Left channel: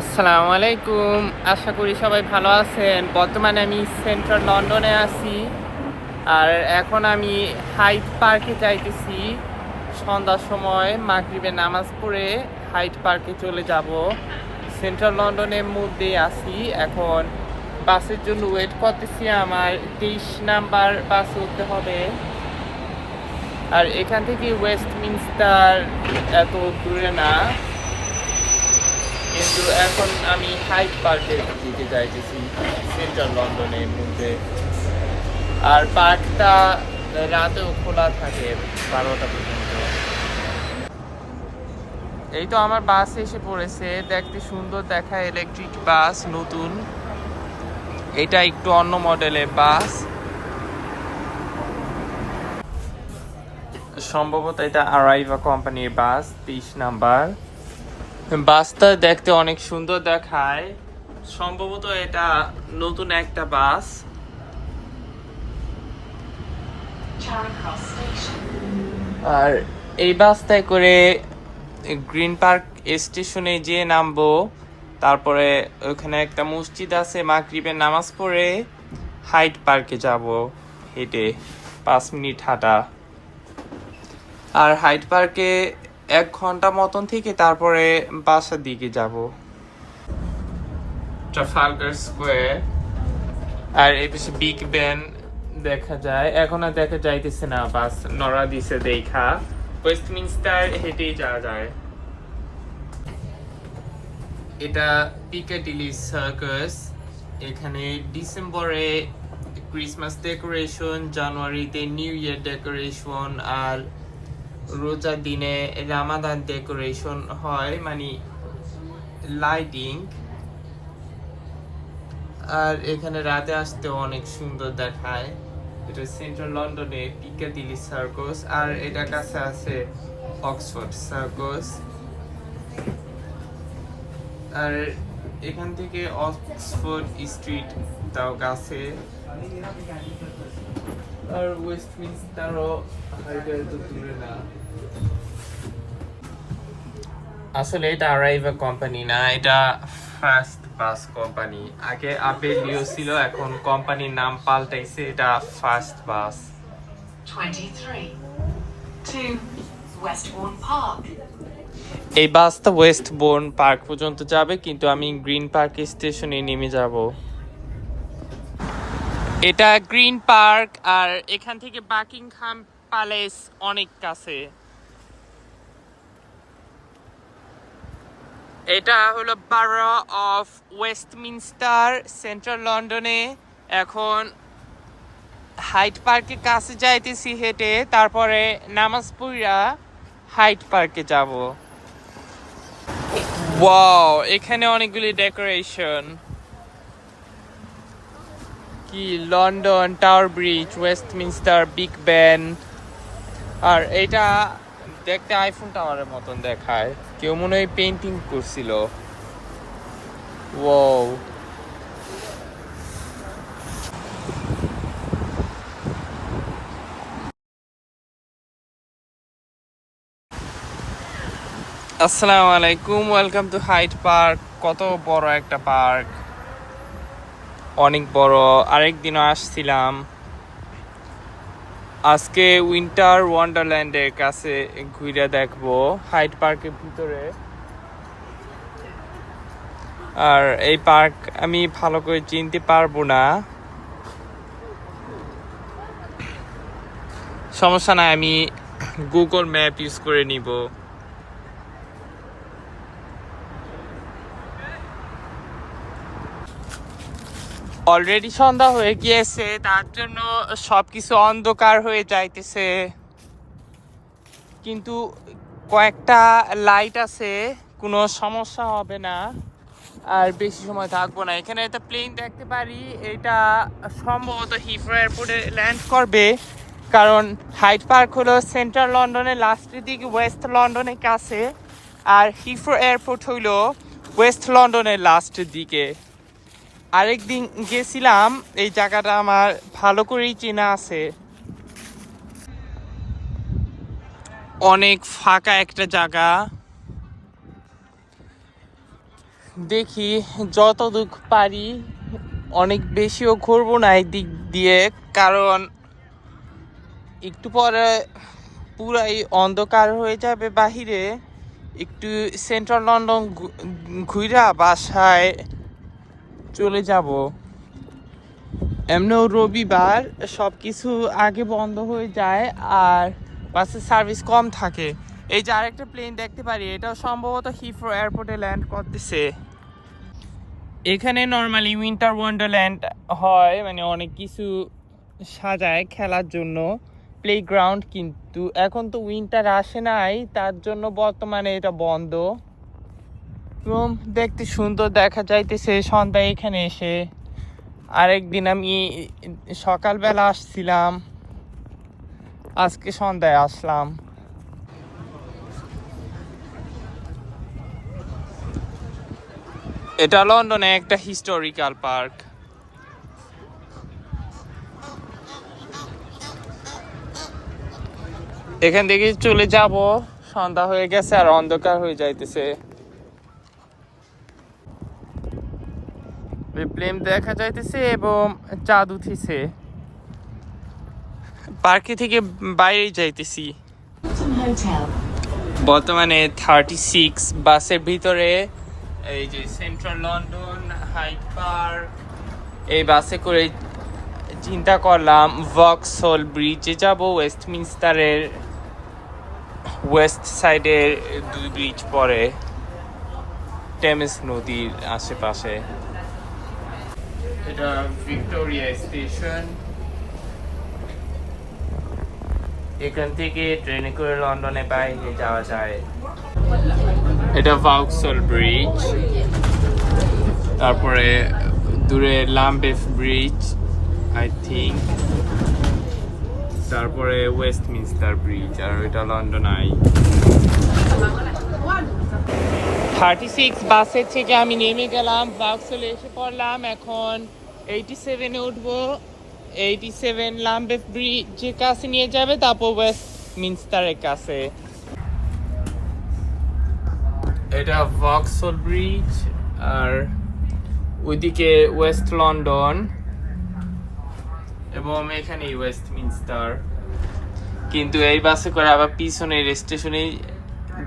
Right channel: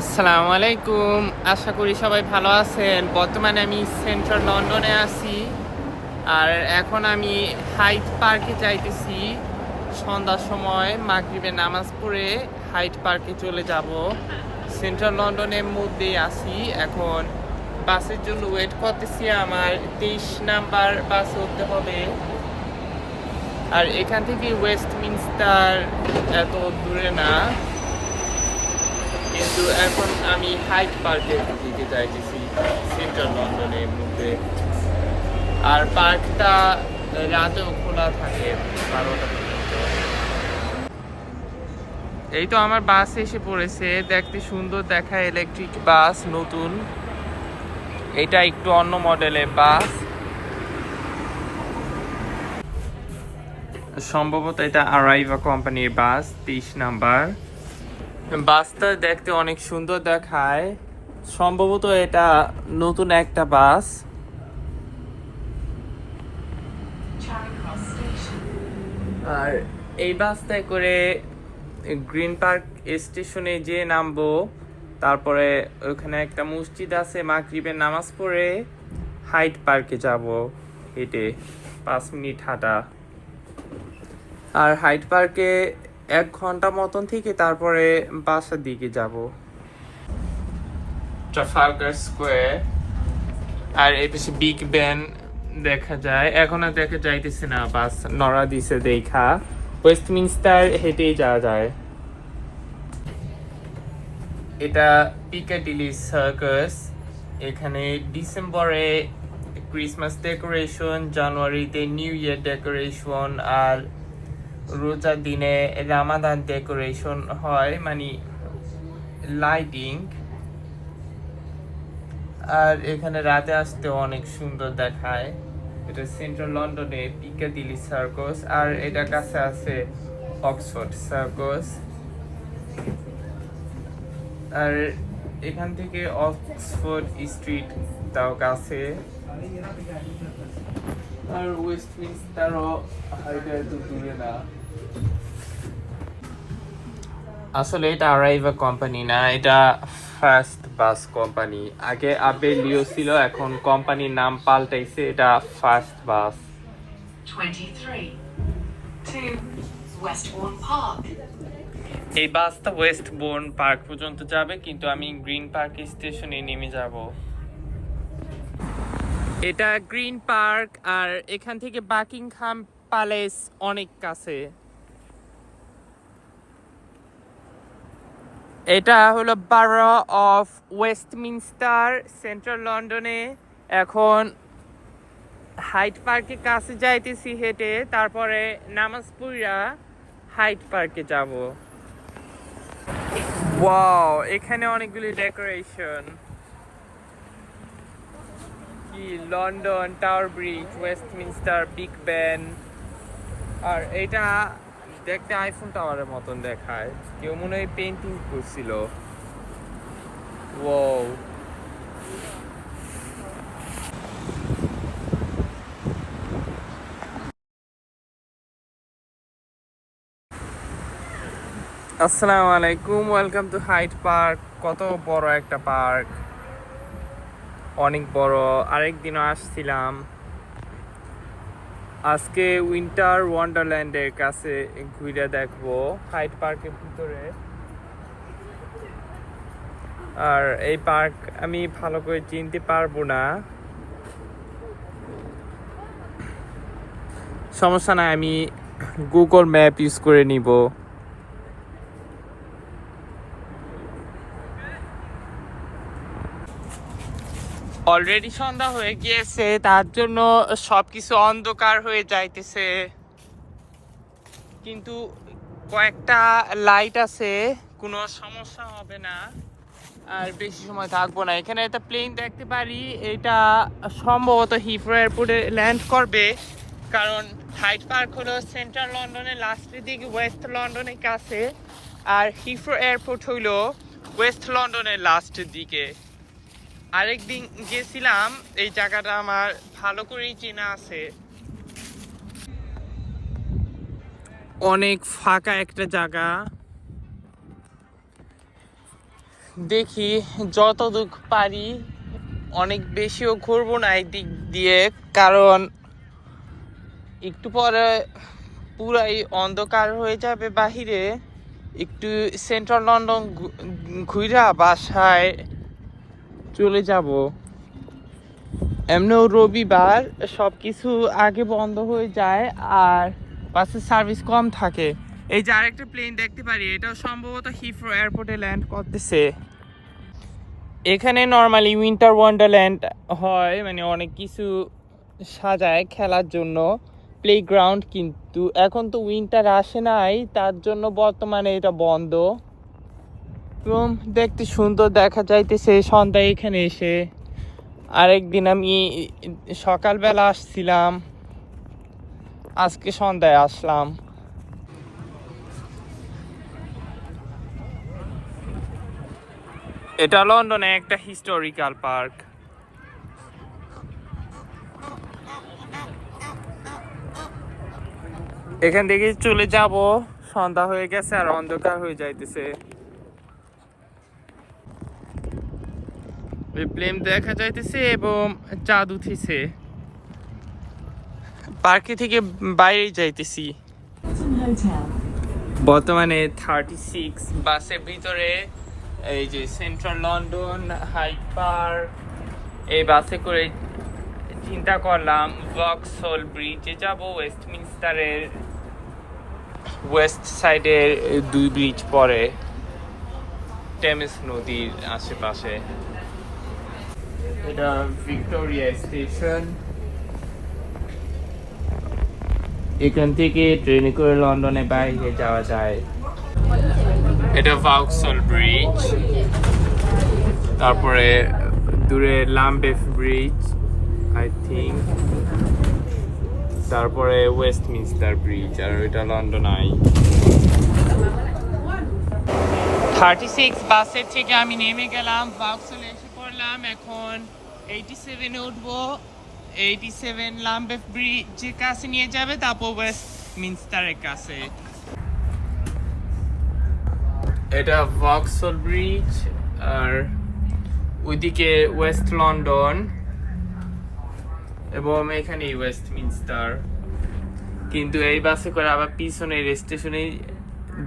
আসসালামু আলাইকুম। আশা করি সবাই ভালো আছেন। বর্তমানে আমি সেন্ট্রাল লন্ডনে আছি। আর এখন আমি হাইড পার্কে যাইতেছি। সন্ধ্যার সময় মাগরিবের নামাজ পড়ে হাইড পার্কে চলে যাব। সেন্ট্রাল লন্ডনের মধ্যেই আছি এখন। বাসের জন্য ওয়েট করতেছি। আমার 23 নাম্বার বাস উঠতে হবে। আর এখান থেকে ওয়েস্টমিনস্টার এত দূরে না, কিন্তু এখন আমি হাইড পার্কের দিকে যাইতেছি সেন্ট্রাল লন্ডনের মধ্যে। আর পার্কটা রাতেও খোলা থাকে 12টা পর্যন্ত। এই তো আমার বাস এসে পড়েছে। দেখতে সুন্দর দেখায়, ইলেকট্রিক বাস, নতুন। এটা একটু অন্য মডেলের বাস, সম্ভবত এটা আরাইভা কোম্পানির বাস। 23 নাম্বার বাসটা দেখতে অনেক সুন্দর দেখায়। সম্ভবত এটা নতুন একটা বাস। আর এই বাসটায় করে গ্রিন পার্ক স্টেশনে যেয়ে নামবো। তারপরে ওখানে একটা মসজিদ আছে, মাগরিবের নামাজ পড়ে হাইড পার্কে যাব হেঁটে। 5 মিনিট হাঁটা। আর হাইড পার্কে 1 ঘন্টা মতন থেকে তারপরে বাসার দিকে যাব। ট্রাফালগার স্কোয়ার আর এই পাশে বিগ ব্যান দেখা যায়। এখন আর দেখা যাইতেছে না, বাস নড়া দিছে দেখা। ওয়েস্টমিনস্টার হেঁটেই যাওয়া যায়। এটা পিকাডিলি সার্কাস। এখানে ডিসেম্বরে ক্রিসমাস ডেকোরেশন, জানুয়ারিতে নিউ ইয়ার ডেকোরেশন, আর রোজার দিনে রামাদান ডেকোরেশন হয়, মানে লাইটিং। আর এখানে রাতে আসতে অনেক সুন্দর দেখায়। এটা সেন্ট্রাল লন্ডনে পিকাডিলি সার্কাস। আর এটা কাছে আছে অক্সফোর্ড সার্কাস। আর এখান থেকে অক্সফোর্ড স্ট্রিট তাও কাছে। আর ওয়েস্টমিনস্টারও হাইডে তো দূরে না। আসলে এটা আরাইভা কোম্পানি না, এটা ফার্স্ট বাস কোম্পানি। আগে আবে লিও ছিল, এখন কোম্পানির নাম পাল্টাইছে, এটা first bus. 23 to Westbourne Park. এই বাসটা ওয়েস্টবোর্ন পার্ক পর্যন্ত যাবে, কিন্তু আমি গ্রিন পার্ক স্টেশনে নেমে যাব। এটা গ্রিন পার্ক, আর এখান থেকে বাকিংহাম প্যালেস অনেক কাছে। এটা হলো বারো অফ ওয়েস্টমিনস্টার, সেন্ট্রাল লন্ডনে। এখন হাইড পার্কের কাছে যাইতেছি হেঁটে, তারপরে নামাজ পড়া হাইড পার্কে যাব। ওয়াও, এখানে অনেকগুলি ডেকোরেশন। কি London Tower Bridge, Westminster, Big Ben. আর এটা দেখতে আইফোন টাওয়ারের মতন দেখায়। কেউ মনে হয় পেন্টিং করছিল। ওয়াও। আসসালামু আলাইকুম, ওয়েলকাম টু হাইড পার্ক। কত বড় একটা পার্ক, অনেক বড়। আরেকদিনও আসছিলাম। আজকে উইন্টার ওয়ান্ডারল্যান্ডের কাছে ঘুরে দেখবো হাইড পার্কের ভিতরে। আর এই পার্ক আমি ভালো করে চিনতে পারবো না, সমস্যা নাই, আমি গুগল ম্যাপ ইউজ করে নিব। অলরেডি সন্ধ্যা হয়ে গিয়েছে, তার জন্য সবকিছু অন্ধকার হয়ে যাইতেছে, কিন্তু কয়েকটা লাইট আছে, কোনো সমস্যা হবে না। আর বেশি সময় থাকবো না। এখানে একটা প্লেন দেখতে পারি, এটা সম্ভবত হিথ্রো এয়ারপোর্টে ল্যান্ড করবে, কারণ হাইড পার্ক হলো সেন্ট্রাল লন্ডনের লাস্টের দিকে, ওয়েস্ট লন্ডনের কাছে। আর হিথ্রো এয়ারপোর্ট হইলো ওয়েস্ট লন্ডনের লাস্টের দিকে। আরেকদিন গেছিলাম, এই জায়গাটা আমার ভালো করেই চেনা আছে। অনেক ফাঁকা একটা জায়গা, দেখি যতদূর পারি, অনেক বেশিও ঘুরবো না এই দিক দিয়ে, কারণ একটু পরে পুরাই অন্ধকার হয়ে যাবে বাহিরে। একটু সেন্ট্রাল লন্ডন ঘুরা বাসায় চলে যাব। এমনিও রবিবার সব কিছু আগে বন্ধ হয়ে যায় আর বাসের সার্ভিস কম থাকে। এই যে আরেকটা প্লেন দেখতে পারি, এটাও সম্ভবত হিথ্রো এয়ারপোর্টে ল্যান্ড করতেছে। এখানে নর্মালি উইন্টার ওয়ান্ডারল্যান্ড হয়, মানে অনেক কিছু সাজায় খেলার জন্য, প্লেগ্রাউন্ড, কিন্তু এখন তো উইন্টার আসে নাই, তার জন্য বর্তমানে এটা বন্ধ। এবং দেখতে সুন্দর দেখা যাইতেছে সন্ধ্যায় এখানে এসে। আরেকদিন আমি সকালবেলা আসছিলাম, আজকে সন্ধ্যায় আসলাম। এটা লন্ডনে একটা হিস্টোরিক্যাল পার্ক। এখান থেকে চলে যাব, সন্ধ্যা হয়ে গেছে আর অন্ধকার হয়ে যাইতেছে। প্লেন দেখা যাইতেছে এবং চাঁদ উঠিছে। পার্কে থেকে বাইরে যাইতেছি। বর্তমানে 36 বাসের ভিতরে। এই যে সেন্ট্রাল লন্ডন, হাইড পার্ক, এই বাসে করে চিন্তা করলাম ভক্সহল ব্রিজে যাব। ওয়েস্টমিনস্টারের ওয়েস্ট সাইডের 2 ব্রিজ পরে টেমস নদীর আশেপাশে। এটা ভিক্টোরিয়া স্টেশন। এখান থেকে ট্রেনে করে লন্ডনে বাইরে যাওয়া যায়। এটা ভক্সহল ব্রিজ, তারপরে দূরে লাম্বেথ ব্রিজ আই থিঙ্ক, তারপরে ওয়েস্টমিনস্টার ব্রিজ, আর এটা লন্ডন আই। 36 বাসের থেকে আমি নেমে গেলাম, ভক্সহলে এসে পড়লাম। এখন 87-এ উঠবো। 87 লাম্বেথ ব্রিজের কাছে নিয়ে যাবে, তারপর ওয়েস্টমিনস্টারের কাছে। এটা ভক্সহল ব্রিজ, আর ওইদিকে ওয়েস্ট লন্ডন, এবং এখানে ওয়েস্টমিনস্টার। কিন্তু এই বাসে করে আবার পিছনের স্টেশনের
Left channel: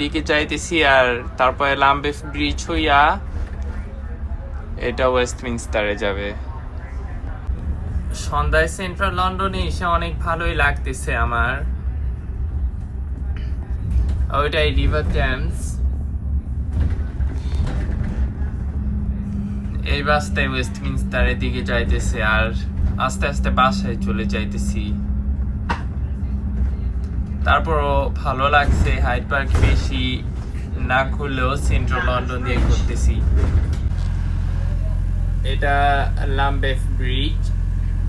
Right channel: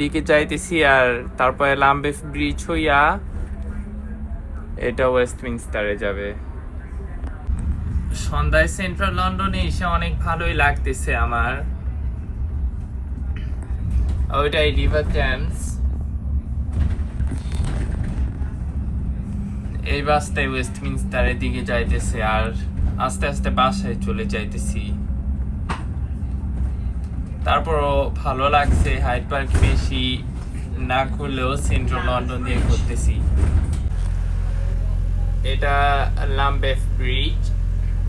দিকে যাইতেছি, আর তারপরে লাম্বেথ ব্রিজ হইয়া এটা ওয়েস্টমিনস্টারে যাবে। সন্ধ্যায় সেন্ট্রাল লন্ডনে এসে অনেক ভালোই লাগতেছে আমার। ওইটাই রিভার টেমস। এই বাসটাই ওয়েস্টমিনস্টারের দিকে যাইতেছে, আর আস্তে আস্তে বাসায় চলে যাইতেছি। তারপরও ভালো লাগছে, হাইড পার্ক বেশি না ঘুরলেও সেন্ট্রাল লন্ডন দিয়ে ঘুরতেছি। এটা লাম্বেথ ব্রিজ,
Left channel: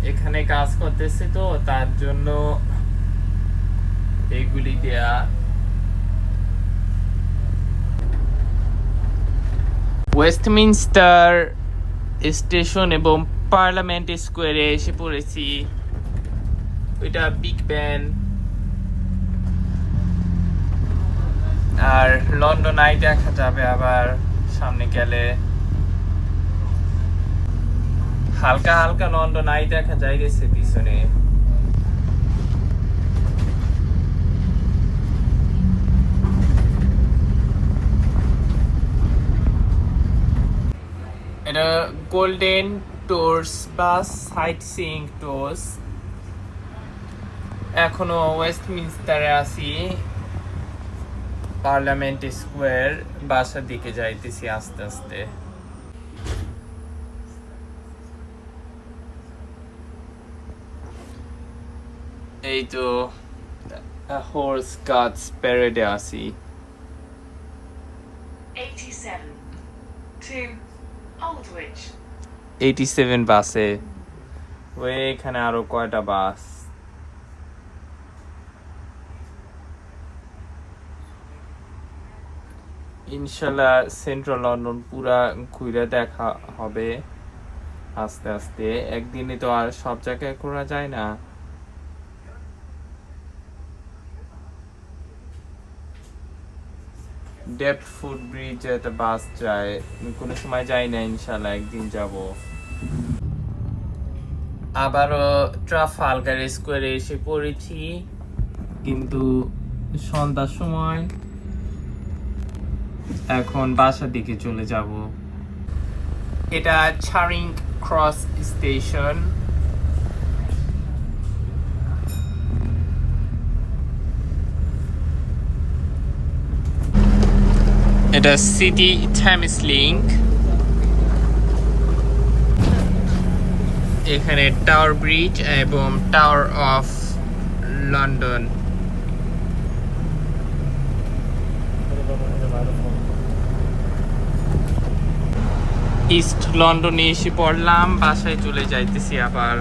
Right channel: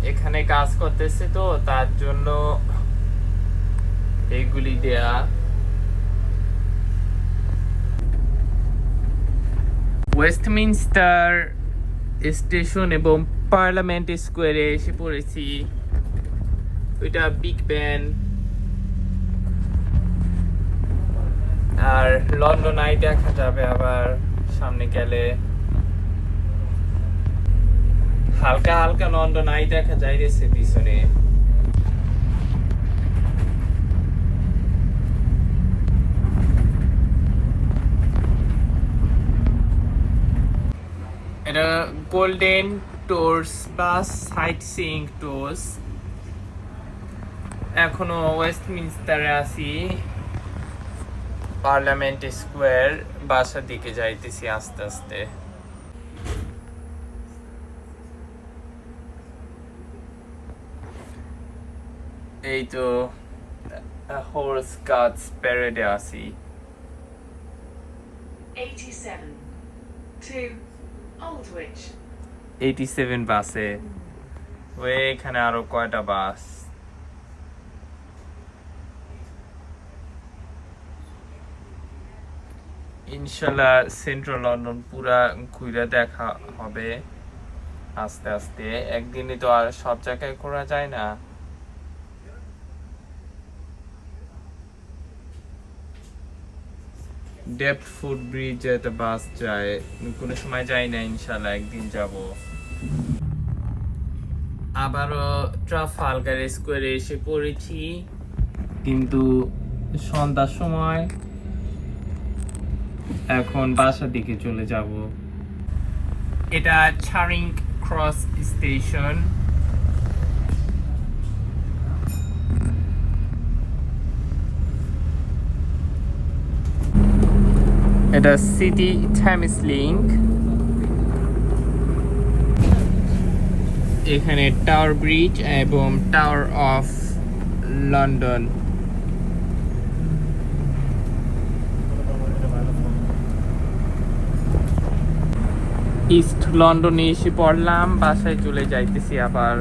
এখানে কাজ করতেছে তো তার জন্য এগুলি দেয়া। ওয়েস্টমিনস্টার স্টেশন এবং পার্লামেন্ট স্কোয়ারে এসে পড়েছি। ওইটা বিগ ব্যান, আর লন্ডন আই দেখা যাবে আবার সামনে গেলে। হালকা হালকা লন্ডন আই দেখা যাইতেছে পিছনে। এটা গোল্ডেন টুরস বাস, সাইট সিইং টুরস। এখনো ওয়েস্টমিনস্টারে আছি, পার্লামেন্ট স্কোয়ার, বাসার দিকে যাইতেছি আস্তে আস্তে। এই তো হর্স গার্ডস প্যারেডে আছি। 87 to Aldwych। 87 বাসে। ওই এখানে আরো কয়টা বাস। ইনশাল্লাহ সেন্ট্রাল লন্ডন পুরা ঘুরে দেখা হবে আস্তে আস্তে। একদিনে তো আর সব জায়গায় ঘোরা যায় না। ডেপ্ট ফুট ব্রিজে একটা বাস যায়, কোনো সময় যাই না, ইনশাল্লাহ একদিন যাব। আবারও ট্রাফালগার স্কোয়ারে এসে পড়েছি, কিন্তু সন্ধ্যার সময়। এখন বাসার দিকে চলে যাব। এটা চারিং ক্রস স্টেশন। এটা সিটি থ্যামিস লিংক। এখানে টাওয়ার ব্রিজ এবং টাওয়ার অফ লন্ডন। ইস্ট লন্ডনে এসে পড়লাম, বাসায় চলে যাইতেছি আবার।